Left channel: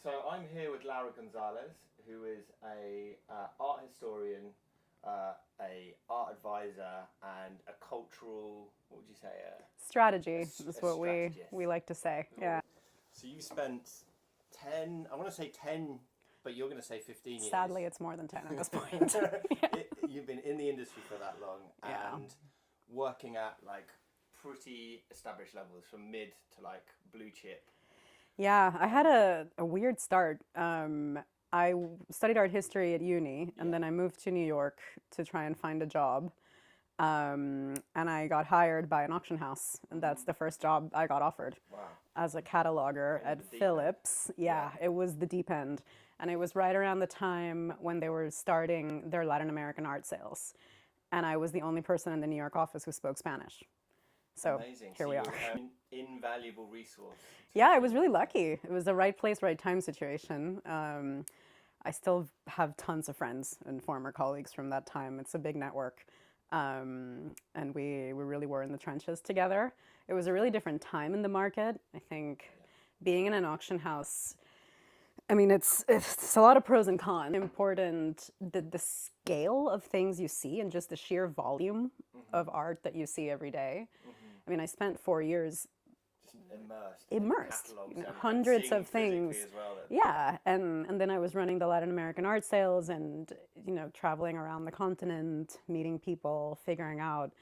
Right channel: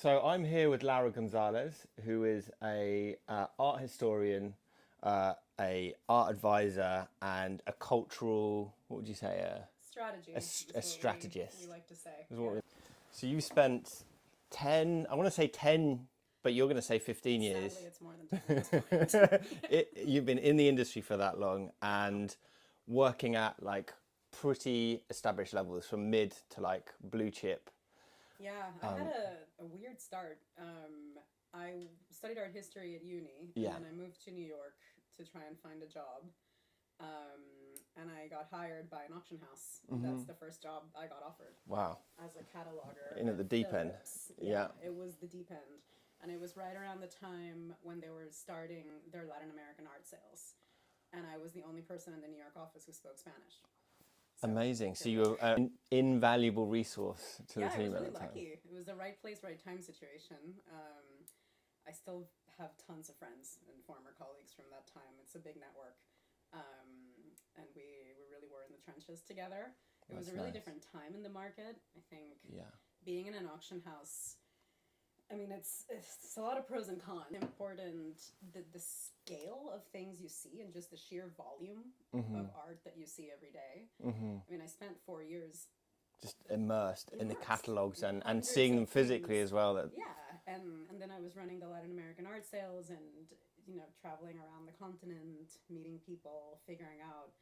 So I'm here with Laura González, who is a art historian, a art advisor, and a cultural. What would you say? Strategy A, is a what strategist. we like to say. Is what Yeah. So you spent 10. I want to say 10, but you're going to say 15 years. Sadly, it's more than 10 at this point. You've been in the industry for that long and working at like pretty established levels, from mid to like blue chip. Yeah, I had a weird start. I studied art history at uni, and Yeah. then I moved to New York to try and find a job. And I got hired by an auction house, and that's the first job I got offered. Wow. As a cataloger In at the deep end. Phillips. Yeah, it was the deep end. And it was right around the time when they were starting their Latin American art sales. And I was the only person in the New York office who spoke Spanish. So Amazing. here So we you're are. an invaluable resource. To Yeah, the I team was really at the time. lucky. It was the right place, right time situation. I still have tons of friends and former colleagues from that time. It's a big network. And we really were in the trenches together. It was a really different time in the market. I think being in an auction house, I mean, it's a lot of pros and cons. Important the scale of things you see and just the sheer volume of art that you see every day. I mean, I spent 4 years Just immersed in the catalogs and hundreds seeing them of physically things. as well. Yeah, and then I was running the Latin American art sales and traveling around the continent, meeting people, figuring out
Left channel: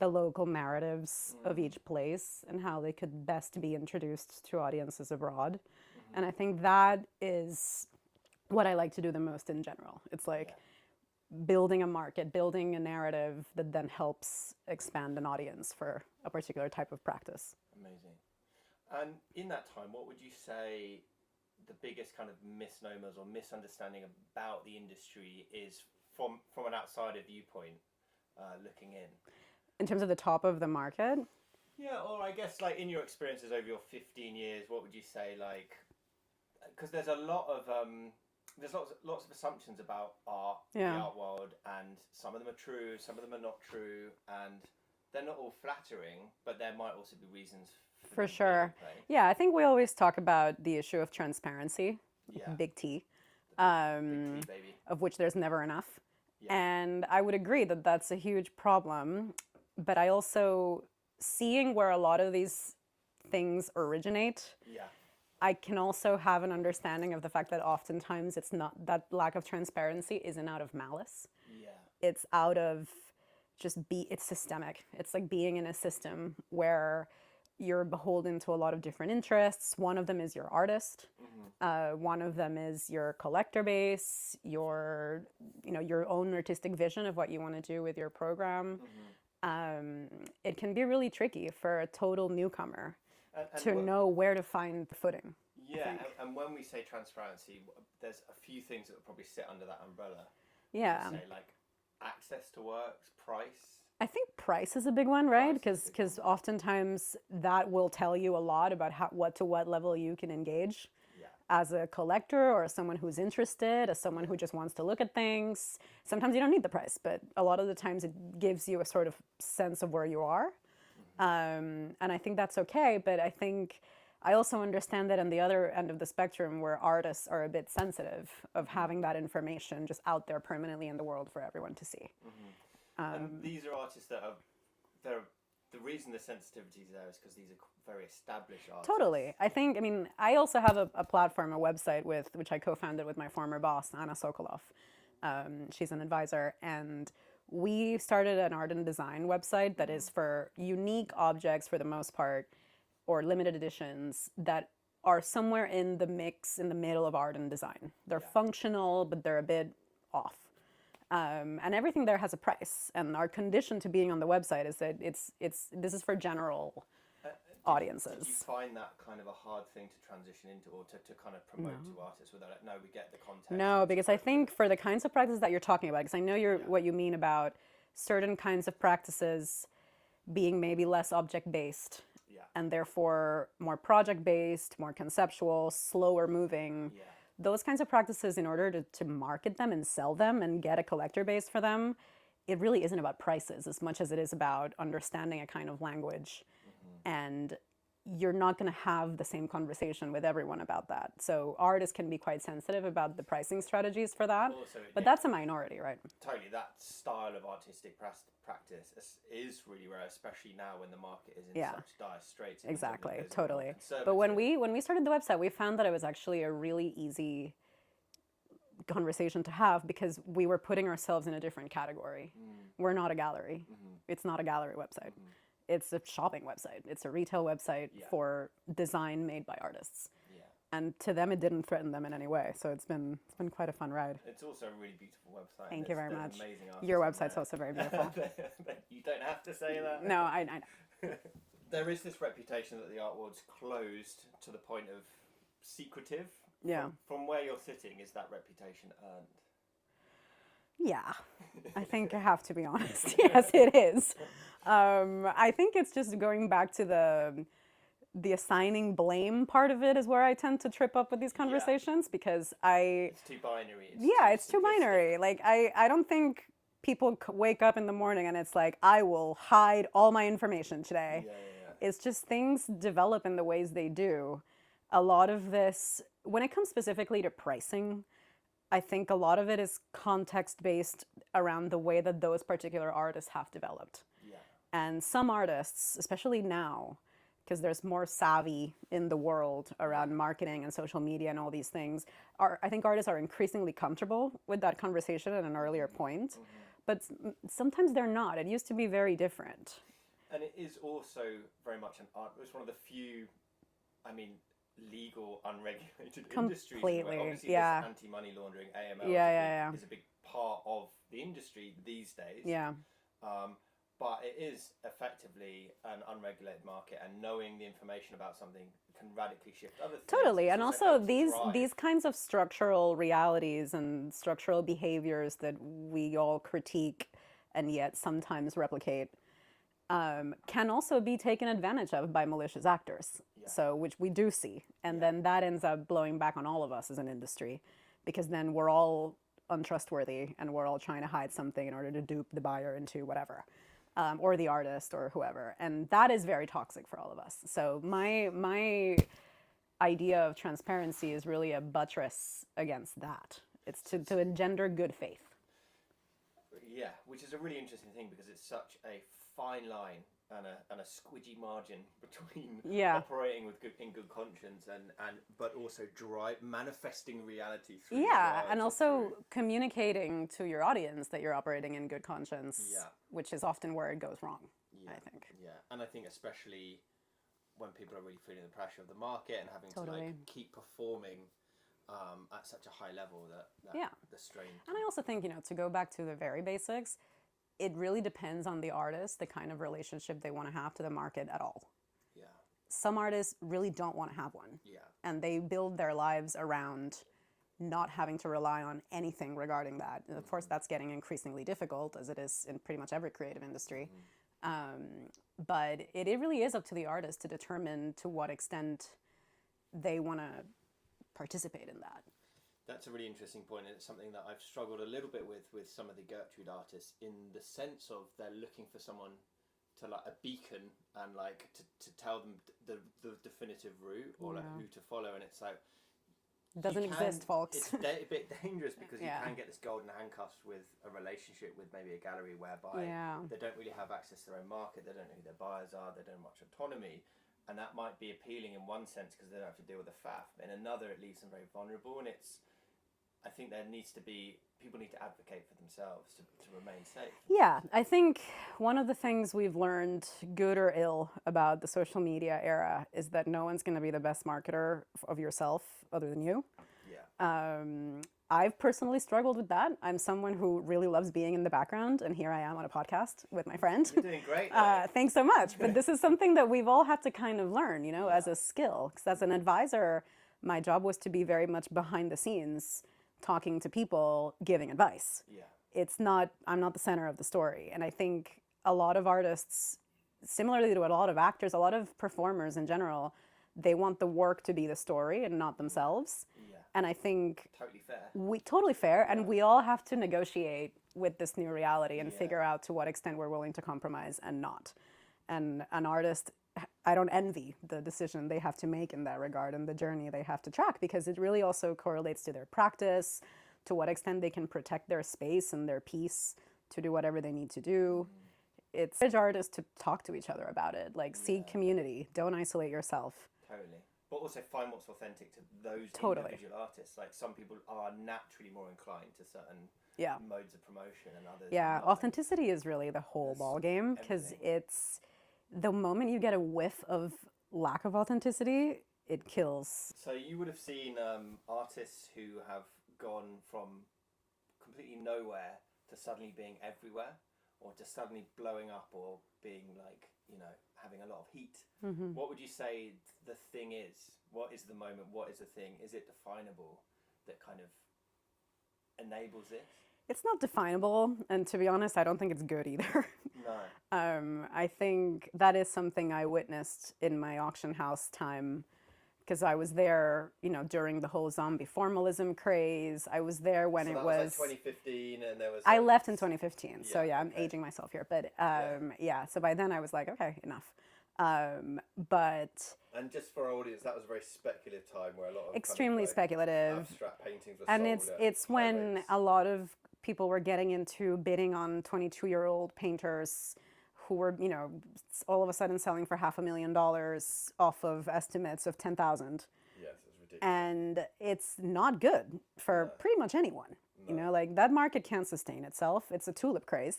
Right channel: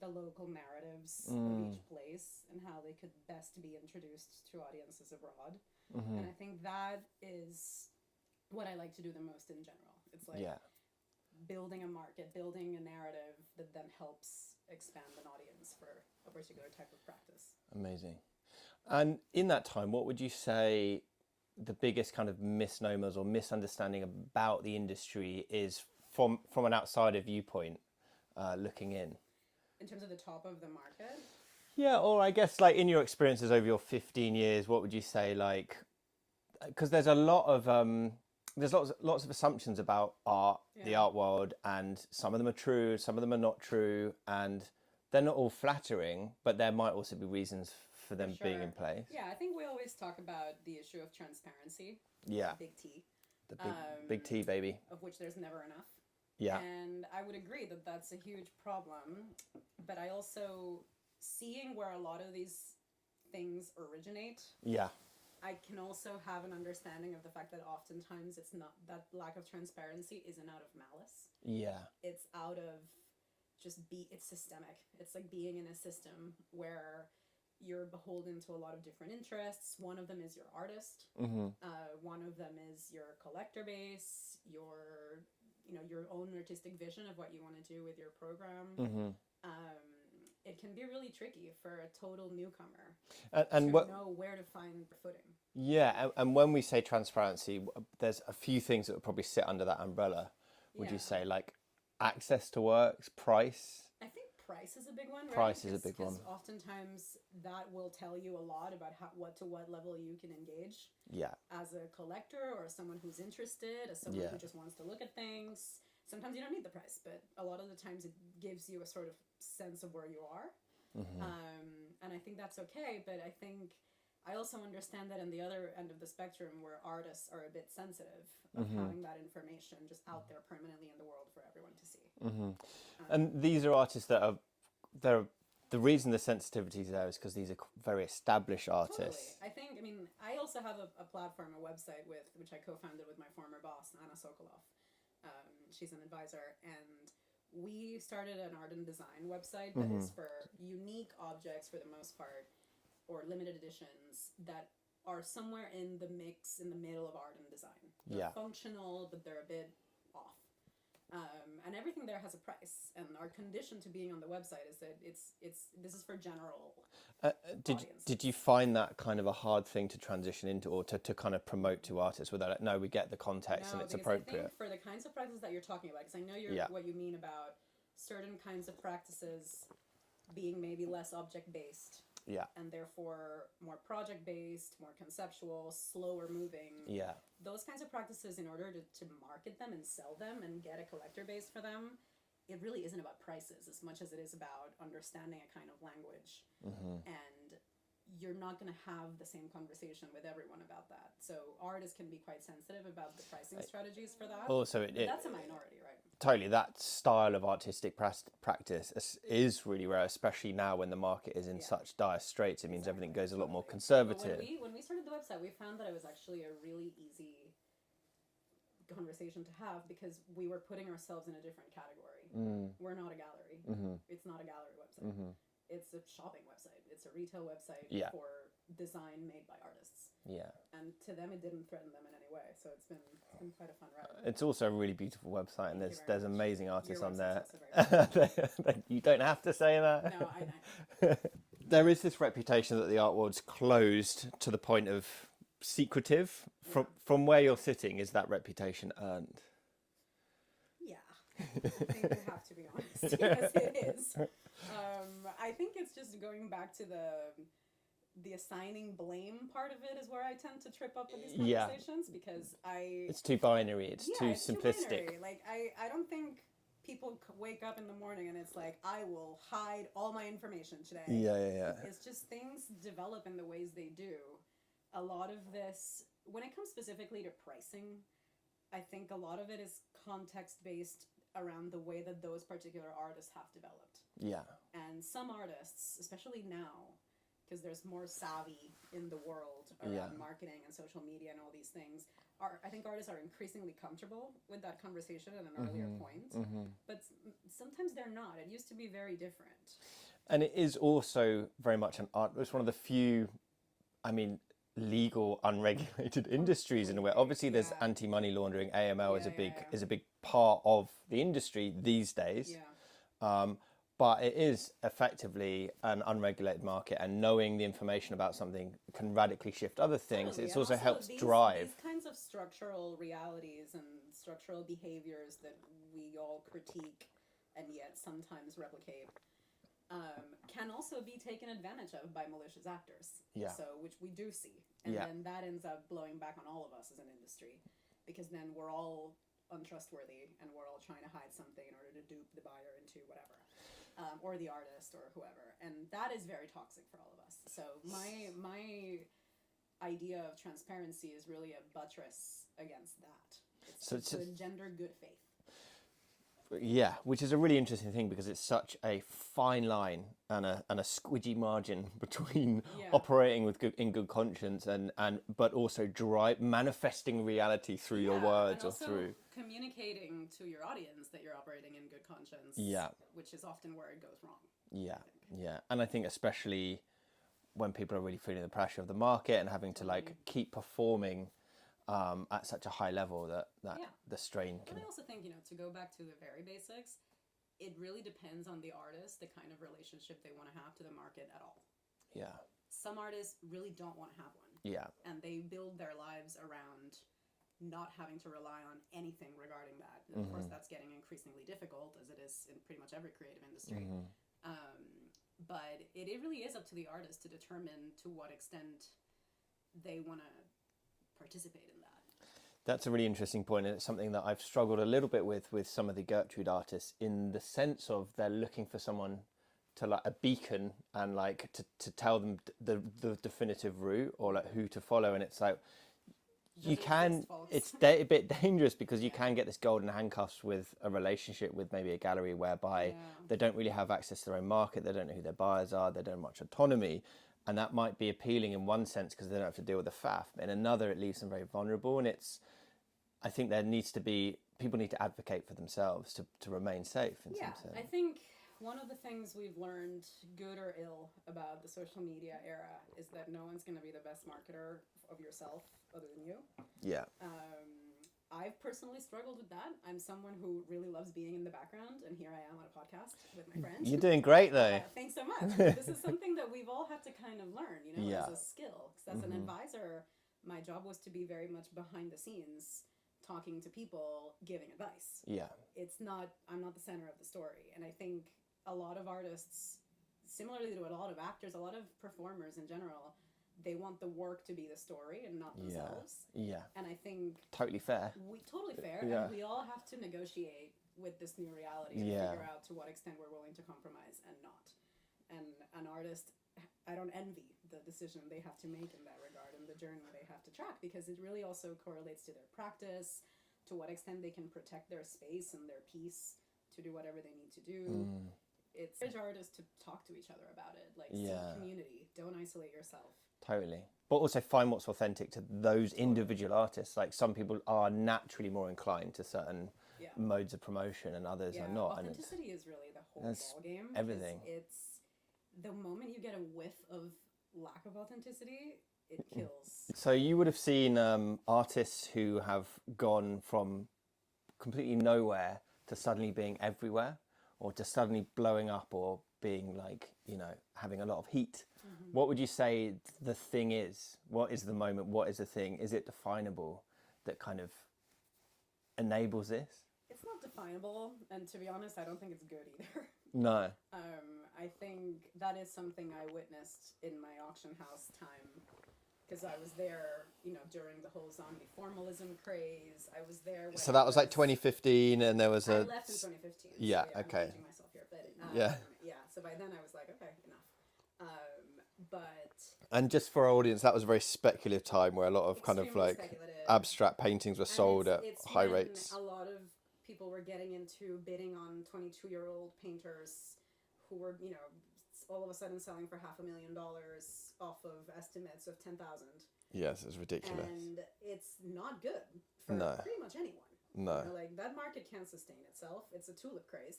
the local narratives of each place and how they could best be introduced to audiences abroad. And I think that is what I like to do the most in general. It's like building a market, building a narrative that then helps expand an audience for a particular type of practice. Amazing. And in that time, what would you say the biggest kind of misnomers or misunderstanding about the industry is from an outsider viewpoint, looking in? In terms of the top of the market, Yeah, or I guess like in your experiences over your 15 years, what would you say, like, because there's a lot of there's lots of assumptions about art, the art world, and some of them are true, some of them are not true, and they're not all flattering, but there might also be reasons for them being in place. Yeah, I think we always talk about the issue of transparency, Yeah. big T, The big T, baby. of which there's never enough. Yeah. And I would agree that that's a huge problem. But I also, seeing where a lot of these things originate, Yeah. I can also have an understanding of the fact that oftentimes it's not, that lack of transparency isn't out of malice. Yeah. It's out of it's systemic. It's like being in a system where you're beholden to a lot of different interests. One of them is your artist. One of them is your collector base, your own artistic vision of what you want to do with your program. It can be really tricky for a total newcomer to know where to find the footing. Yeah, and when we say transparency, there's a few things that would probably sit under that umbrella. Would you say, like, access to works, price? I think price is a big one, right? Price is a big Because one. oftentimes that will tell you a lot about what level you can engage. Yeah. As a collector or as someone who's interested, as someone who just wants to look at things. Sometimes you don't need the price, but a lot of the times it gives you a sort of sense of where you are. And I think that's okay, but I think I also understand that on the other end of the spectrum where artists are a bit sensitive of having that information just out there permanently in the world for everyone to see. And these are artists that the reason the sensitivity is there is because these are very established artists. Totally. I mean, I also have a platform, a website which I co-founded with my former boss, Anna Sokolov. She's an advisor, and we started an art and design website that is for unique objects for the most part, or limited editions that are somewhere in the mix, in the middle of art and design. They're functional, but they're a bit off. And everything there has a price. And our condition to being on the website is that this is for general audiences. Did you find that kind of a hard thing to transition into, or to kind of promote to artists without it? No, we get the context. No, because I think for the kinds of practices that you're talking about, because I know what you mean about certain kinds of practices being maybe less object-based. Yeah. And therefore more project-based, more conceptual, slower moving. Yeah. Those kinds of practices, in order to market them and sell them and get a collector base for them, it really isn't about prices as much as it is about understanding a kind of language and you're not going to have the same conversation with everyone about that. So artists can be quite sensitive about the pricing strategies for that. Also, but that's a minority, right? Totally. That style of artistic practice is really rare, especially now when the market is in such dire straits. It means everything goes a lot more conservative. But when we started the website, we found that it was actually a really easy conversation to have because we were putting ourselves in a different category. We're not a gallery. It's not a gallery website. It's a shopping website. It's a retail website for design made by artists. And to them, it didn't threaten them in any way. So it's been quite a fun ride. It's also a really beautiful website. Thank you very there's much. Amazing artists. Your website's also very beautiful. You don't have to say that. No, I know. There is this reputation that the art world's closed to the point of secretive. From where you're sitting, is that reputation earned? Yeah, I think I have to be honest. Yes, it is. I think it's just going back to the assigning blame part of it is where I tend to trip up with these conversations because it's too binary. It's too binary. Like I don't think people wake up in the morning and it's like, I will hide all my information today. It's just things develop in the ways they do. A lot of this, when it comes specifically to pricing, I think a lot of it is context-based around the way that those particular artists have developed. And some artists, especially now, because there's more savvy in the world around marketing and social media and all these things, I think artists are increasingly comfortable with that conversation at an earlier point. But sometimes they're not. It used to be very different. And it is also very much an art. It's one of the few, legal, unregulated industries in a way. Obviously, there's anti-money laundering. AML is a big part of the industry these days. But it is effectively an unregulated market, and knowing the information about something can radically shift other things. Totally, and also these kinds of structural realities and structural behaviors that we all critique and yet sometimes replicate can also be taken advantage of by malicious actors. So, which we do see. And then that ends up blowing back on all of us as an industry, because then we're all untrustworthy and we're all trying to hide something in order to dupe the buyer into whatever, or the artist or whoever. And that is very toxic for all of us. So my idea of transparency is really a buttress against that. It's to engender good faith. Yeah, which is a really interesting thing because it's such a fine line and a squidgy margin between operating in good conscience and but also manifesting reality through your words. And also communicating to your audience that you're operating in good conscience, which is often where it goes wrong. I think. And I think especially when people are really feeling the pressure of the market and having to keep performing at such a high level that the strain can... And I also think, to go back to the very basics, it really depends on the artist, the kind of relationship they want to have to the market at all. Some artists really don't want to have one. And they build their lives around not having to rely on anything regarding that. And of course, that's getting increasingly difficult, as it is in pretty much every creative industry. But it really is up to the artist to determine to what extent they want to participate in that. That's a really interesting point, and it's something that I've struggled a little bit with some of the Gertrude artists, in the sense of they're looking for someone to a beacon and to tell them the definitive route or who to follow, and it's like exist, folks. It's a bit dangerous because you can get this golden handcuffs with a relationship with maybe a gallery whereby they don't really have access to their own market, they don't know who their buyers are, they don't have much autonomy. And that might be appealing in one sense because they don't have to deal with the faff. In another, it leaves them very vulnerable. And I think people need to advocate for themselves to remain safe. I think one of the things we've learned, good or ill, about the social media era is that no one's going to be the best marketer of yourself other than you. I've personally struggled with that. I'm someone who really loves being in the background, and here I am on a podcast with my friend. You're doing great, though. Thanks so much. But this is something that we've all had to kind of learn, as a skill. Because as an advisor, my job was to be very much behind the scenes, talking to people, giving advice. I'm not the center of the story. And I think a lot of artists, similarly to a lot of actors, a lot of performers in general, they want the work to be the story and not themselves. And I think... Totally fair. Totally fair. And we all have to negotiate with this new reality and figure out to what extent we're willing to compromise and not. And an artist I don't envy the decision they have to make in that regard and the journey they have to track, because it really also correlates to their practice, to what extent they can protect their space and their peace to do whatever they need to do. It's encourage artists to talk to each other about it, like seek community, don't isolate yourself. Totally. But also find what's authentic to those individual artists. Like some people are naturally more inclined to certain modes of promotion and others are not. Authenticity is really the whole ball game, because it's the moment you get a whiff of lack of authenticity, it kills. So you would have seen artists who have gone from completely nowhere to suddenly being everywhere, or to suddenly blowing up, or being like, you know, having a lot of heat. What would you say the thing is? What is the moment? What is the thing? Is it definable that kind of enables this? It's not definable, and to be honest, I don't think it's good either. No. I think that is something I witnessed in my auction house time, because I was there, you know, during the whole zombie formalism craze. I was there when so that was like 2015, and there was I left in 2015, yeah, so I'm aging myself here. But so by then I was like, okay, enough. But and just for our audience, that was a very speculative time where a lot of extremely kind of like speculative abstract paintings were and sold at it's high when rates. a lot of people were getting into bidding on 22-year-old painters who were, you know, all of a sudden selling for $500,000 off of estimates of 10,000. Yes, it's ridiculous. And it's not good for pretty much anyone. No. You know, like that market can't sustain itself. It's a tulip craze.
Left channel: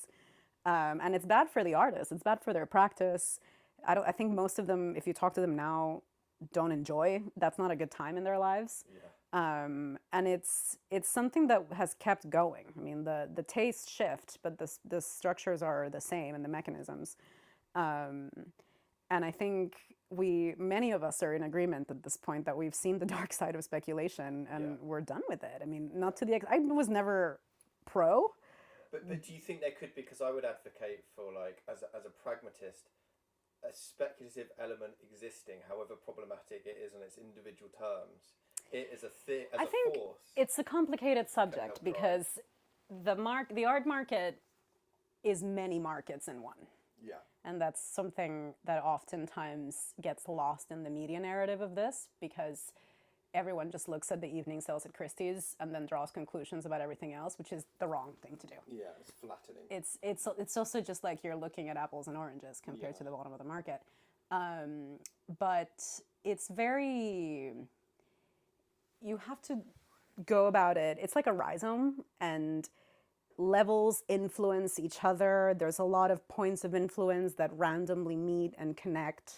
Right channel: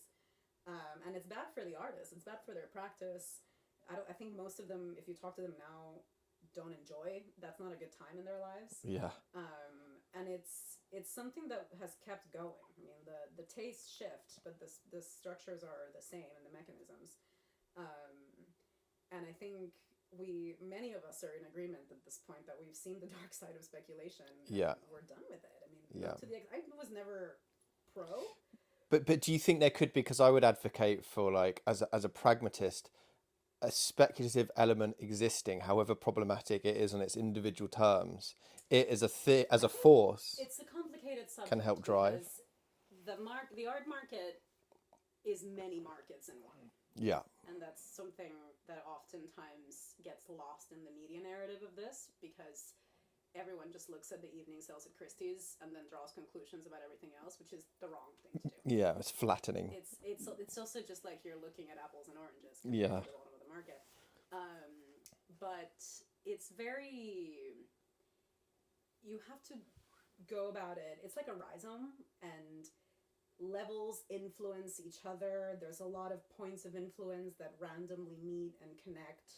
And it's bad for the artists. It's bad for their practice. I think most of them, if you talk to them now, don't enjoy. That's not a good time in their lives. Yeah. And it's something that has kept going. I mean, the tastes shift, but the structures are the same and the mechanisms. And I think many of us are in agreement at this point that we've seen the dark side of speculation, and we're done with it. I mean, not to the I was never pro. But do you think there could be, because I would advocate for, like, as a pragmatist, a speculative element existing, however problematic it is on its individual terms, it is a force. It's a complicated subject help because the art market is many markets in one. Yeah. And that's something that oftentimes gets lost in the media narrative of this, because everyone just looks at the evening sales at Christie's and then draws conclusions about everything else, which is the wrong thing to do. Yeah, it's flattening. It's also just like you're looking at apples and oranges compared to the bottom of the market. But it's very, you have to go about it. It's like a rhizome, and levels influence each other. There's a lot of points of influence that randomly meet and connect,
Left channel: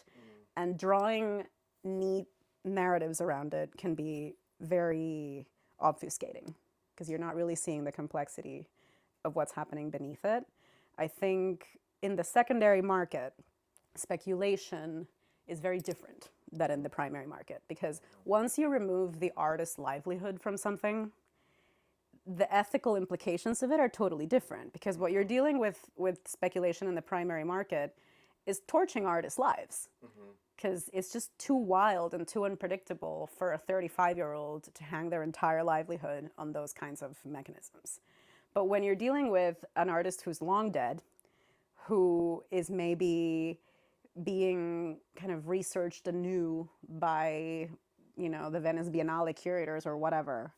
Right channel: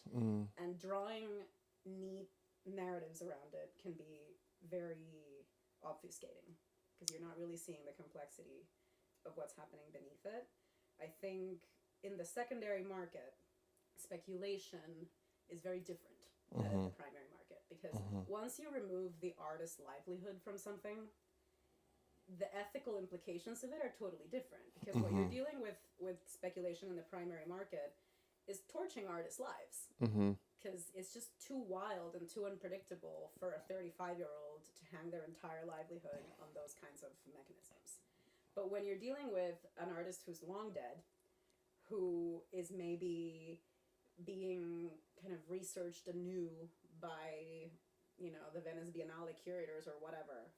and drawing neat narratives around it can be very obfuscating, because you're not really seeing the complexity of what's happening beneath it. I think in the secondary market, speculation is very different than in the primary market, because once you remove the artist's livelihood from something, the ethical implications of it are totally different, because what you're dealing with speculation in the primary market is torching artists' lives, because it's just too wild and too unpredictable for a 35-year-old to hang their entire livelihood on those kinds of mechanisms. But when you're dealing with an artist who's long dead, who is maybe being kind of researched anew by, you know, the Venice Biennale curators or whatever,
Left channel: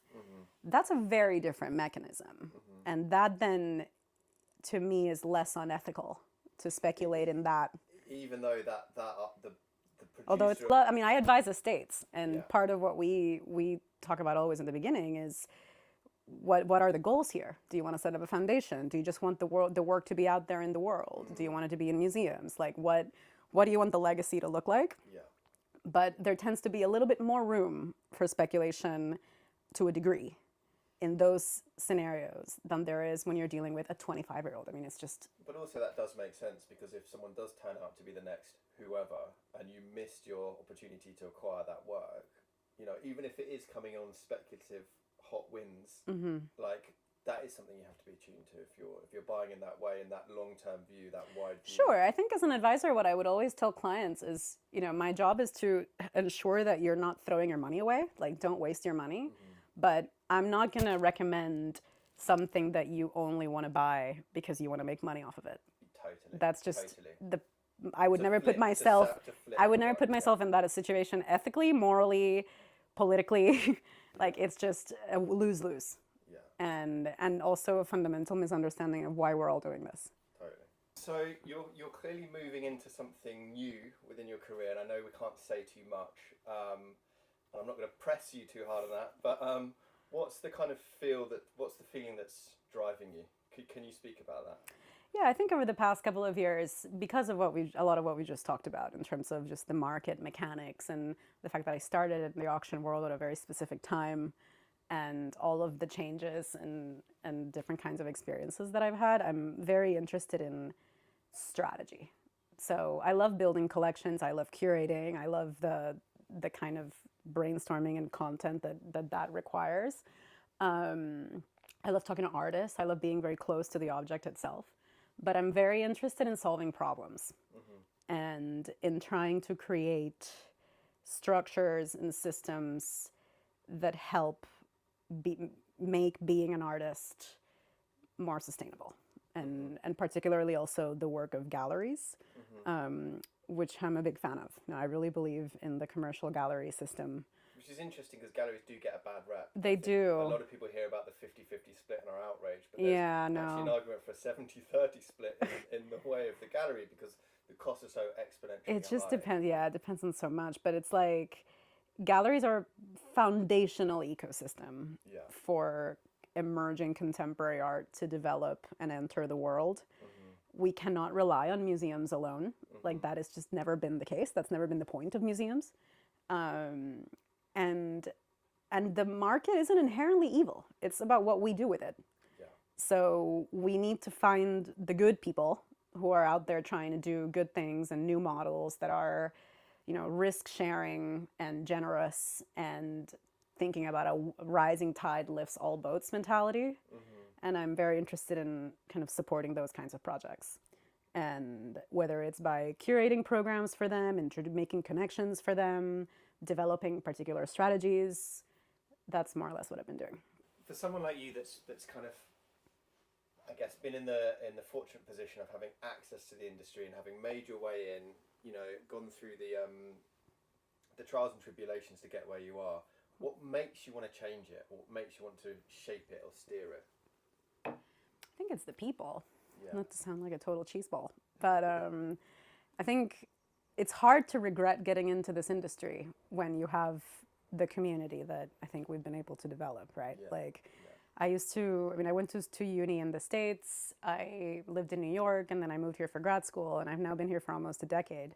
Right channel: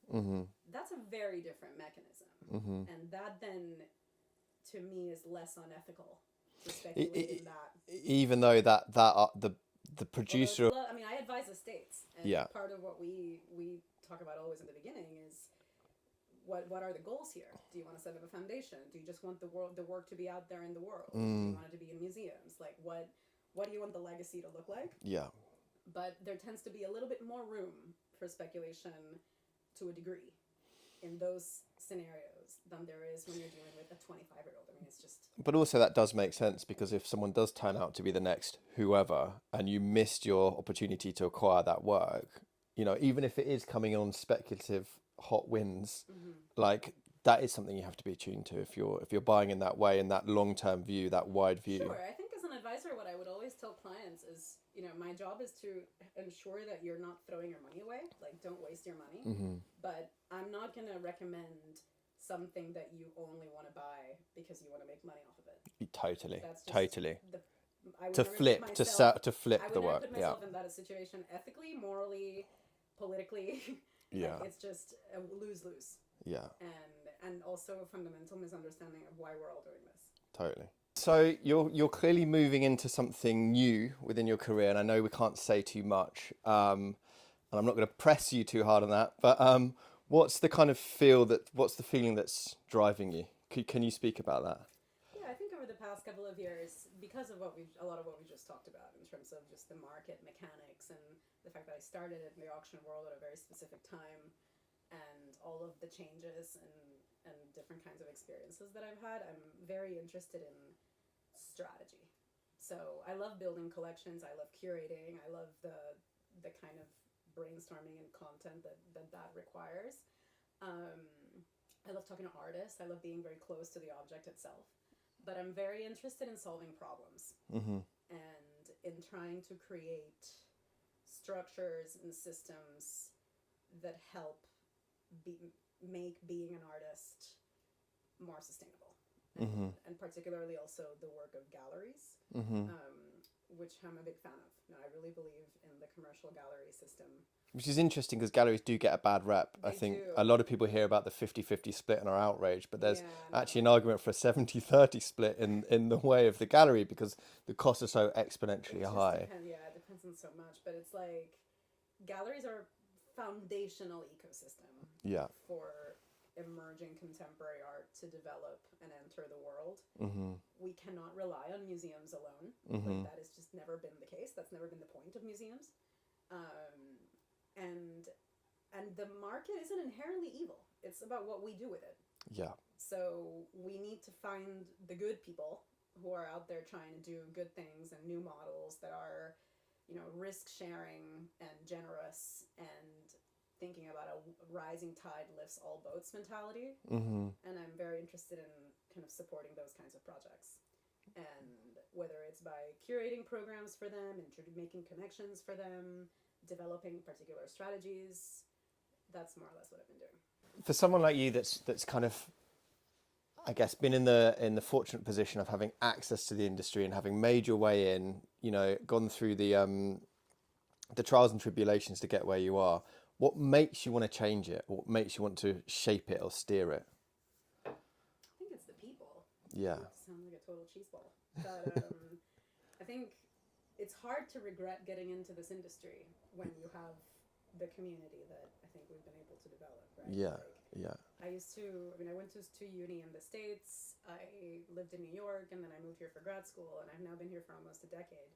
that's a very different mechanism. And that then, to me, is less unethical to speculate in that. Even though the producer... Although I mean, I advise estates, and part of what we talk about always in the beginning is what are the goals here? Do you want to set up a foundation? Do you just want the work to be out there in the world? Do you want it to be in museums? Like, what do you want the legacy to look like? Yeah. But there tends to be a little bit more room for speculation to a degree in those scenarios than there is when you're dealing with a 25-year-old. I mean, it's just... But also that does make sense, because if someone does turn out to be the next whoever, and you missed your opportunity to acquire that work, you know, even if it is coming on speculative hot wins, like, that is something you have to be attuned to if you're buying in that way, in that long-term view, that wide view. Sure. I think as an advisor, what I would always tell clients is, you know, my job is to ensure that you're not throwing your money away. Like, don't waste your money. But I'm not going to recommend something that you only want to buy because you want to make money off of it. Totally. That's just totally. I would to never flip, put myself. to flip I would the never work, put myself in that situation ethically, morally, politically. Like Yeah. it's just a lose-lose, Yeah, and also a fundamental misunderstanding of why we're all doing this. totally. So you're clearly moving into something new within your career, and I know we can't say too much, and I'm not going to press you too hard on that. But what's the kind of what's the feeling that's driving you? Can you speak about that? Yeah, I think over the past couple of years, because of a lot of what we just talked about in terms of just the market mechanics and the fact that I started in the auction world at a very specific time, and all of the changes and different kinds of experiences that I've had, I'm very interested in strategy. So I love building collections. I love curating. I love the kind of brainstorming and content that requires. I love talking to artists. I love being very close to the object itself. But I'm very interested in solving problems and in trying to create structures and systems that help make being an artist more sustainable. And particularly also the work of galleries, which I'm a big fan of. Now, I really believe in the commercial gallery system. Which is interesting because galleries do get a bad rep. They do. A lot of people hear about the 50-50 split and are outraged, but there's actually an no. argument for a 70-30 split in the way of the gallery because the costs are so exponentially high. It just depends. Yeah, it depends on so much. But it's like galleries are foundational ecosystem for emerging contemporary art to develop and enter the world. We cannot rely on museums alone. Like that has just never been the case. That's never been the point of museums. And the market isn't inherently evil. It's about what we do with it. Yeah. So we need to find the good people who are out there trying to do good things and new models that are, risk sharing and generous and thinking about a rising tide lifts all boats mentality. And I'm very interested in kind of supporting those kinds of projects. And whether it's by curating programs for them, making connections for them, developing particular strategies, that's more or less what I've been doing. For someone like you that's kind of, I guess, been in the fortunate position of having access to the industry and having made your way in, gone through the trials and tribulations to get where you are, what makes you want to change it? What makes you want to shape it or steer it? I think it's the people. Yeah. Not to sound like a total cheeseball, but I think it's hard to regret getting into this industry when you have the community that I think we've been able to develop, right? Yeah. I went to uni in the States, I lived in New York, and then I moved here for grad school, and I've now been here for almost a decade.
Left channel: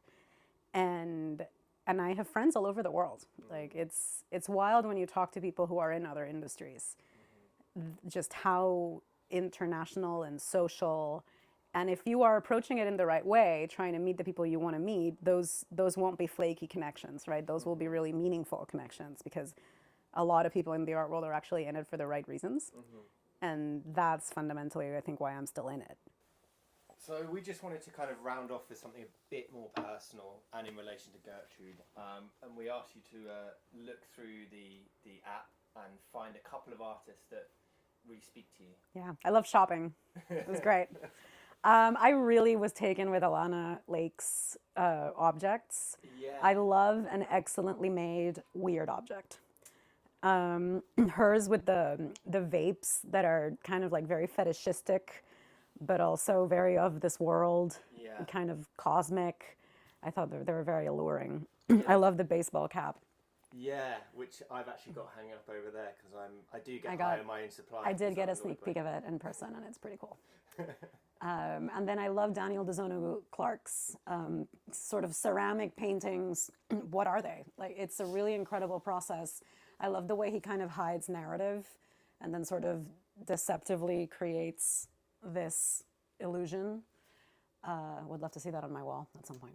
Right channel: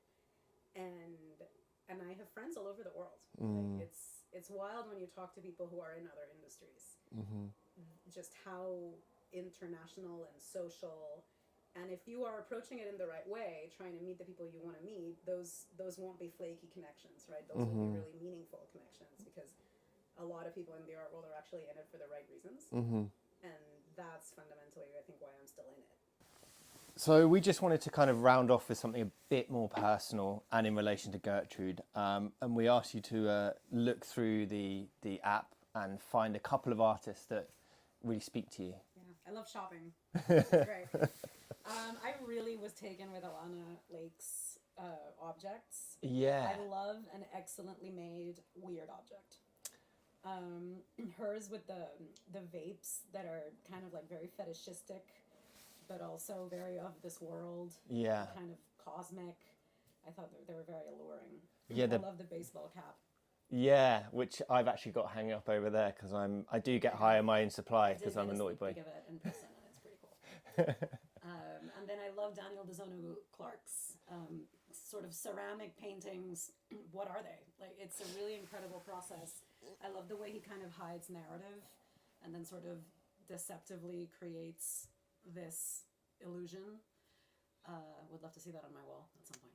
And I have friends all over the world. Like it's wild when you talk to people who are in other industries, just how international and social. And if you are approaching it in the right way, trying to meet the people you want to meet, those won't be flaky connections, right? Those will be really meaningful connections because a lot of people in the art world are actually in it for the right reasons. And that's fundamentally, I think, why I'm still in it. So we just wanted to kind of round off with something a bit more personal and in relation to Gertrude. And we asked you to look through the app and find a couple of artists that really speak to you. Yeah, I love shopping. It was great. I really was taken with Alana Lake's objects. Yeah. I love an excellently made weird object. Hers with the vapes that are kind of like very fetishistic, but also very of this world. Yeah. Kind of cosmic. I thought they were very alluring. Yeah, I love the baseball cap. Yeah, which I've actually got hanging up over there because I do get high on my own supply. I did get a sneak peek of it in person, and it's pretty cool. And then I love Daniel DeZono Clark's sort of ceramic paintings. What are they? Like, it's a really incredible process. I love the way he kind of hides narrative and then sort of deceptively creates this illusion. Would love to see that on my wall at some point.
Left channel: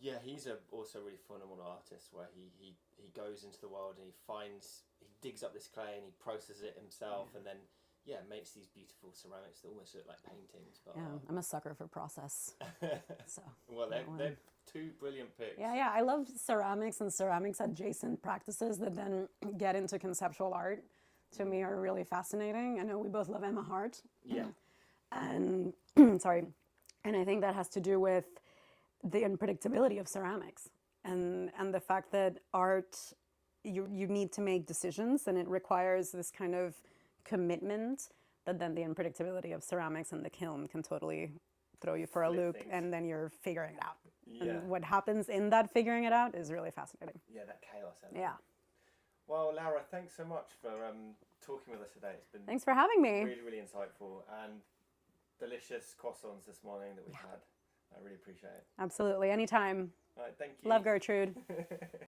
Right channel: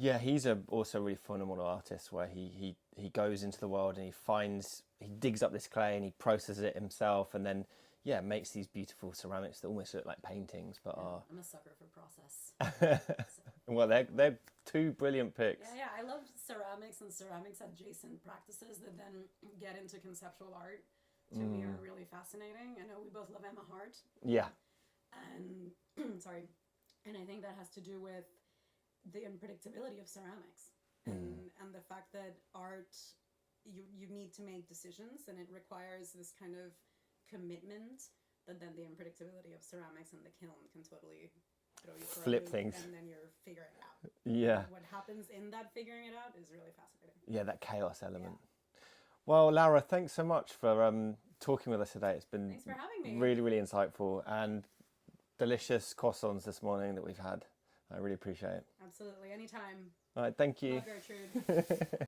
Yeah, he's also a really phenomenal artist where he goes into the world and he digs up this clay and he processes it himself and then makes these beautiful ceramics that almost look like paintings. But I'm a sucker for process. So. Well, they're two brilliant picks. Yeah, I love ceramics and ceramics adjacent practices that then get into conceptual art. To me, are really fascinating. I know we both love Emma Hart. Yeah. And sorry, and I think that has to do with the unpredictability of ceramics and the fact that art, you need to make decisions, and it requires this kind of commitment that then the unpredictability of ceramics and the kiln can totally throw you for a loop, and then you're figuring it out. Yeah. And what happens in that figuring it out is really fascinating. Yeah, that chaos element. Yeah. Well, Laura, thanks so much for talking with us today. It's been Thanks for having me. Really, really insightful, and delicious croissants this morning that we've had. I really appreciate it. Absolutely. Anytime. All right, thank you. Love Gertrude.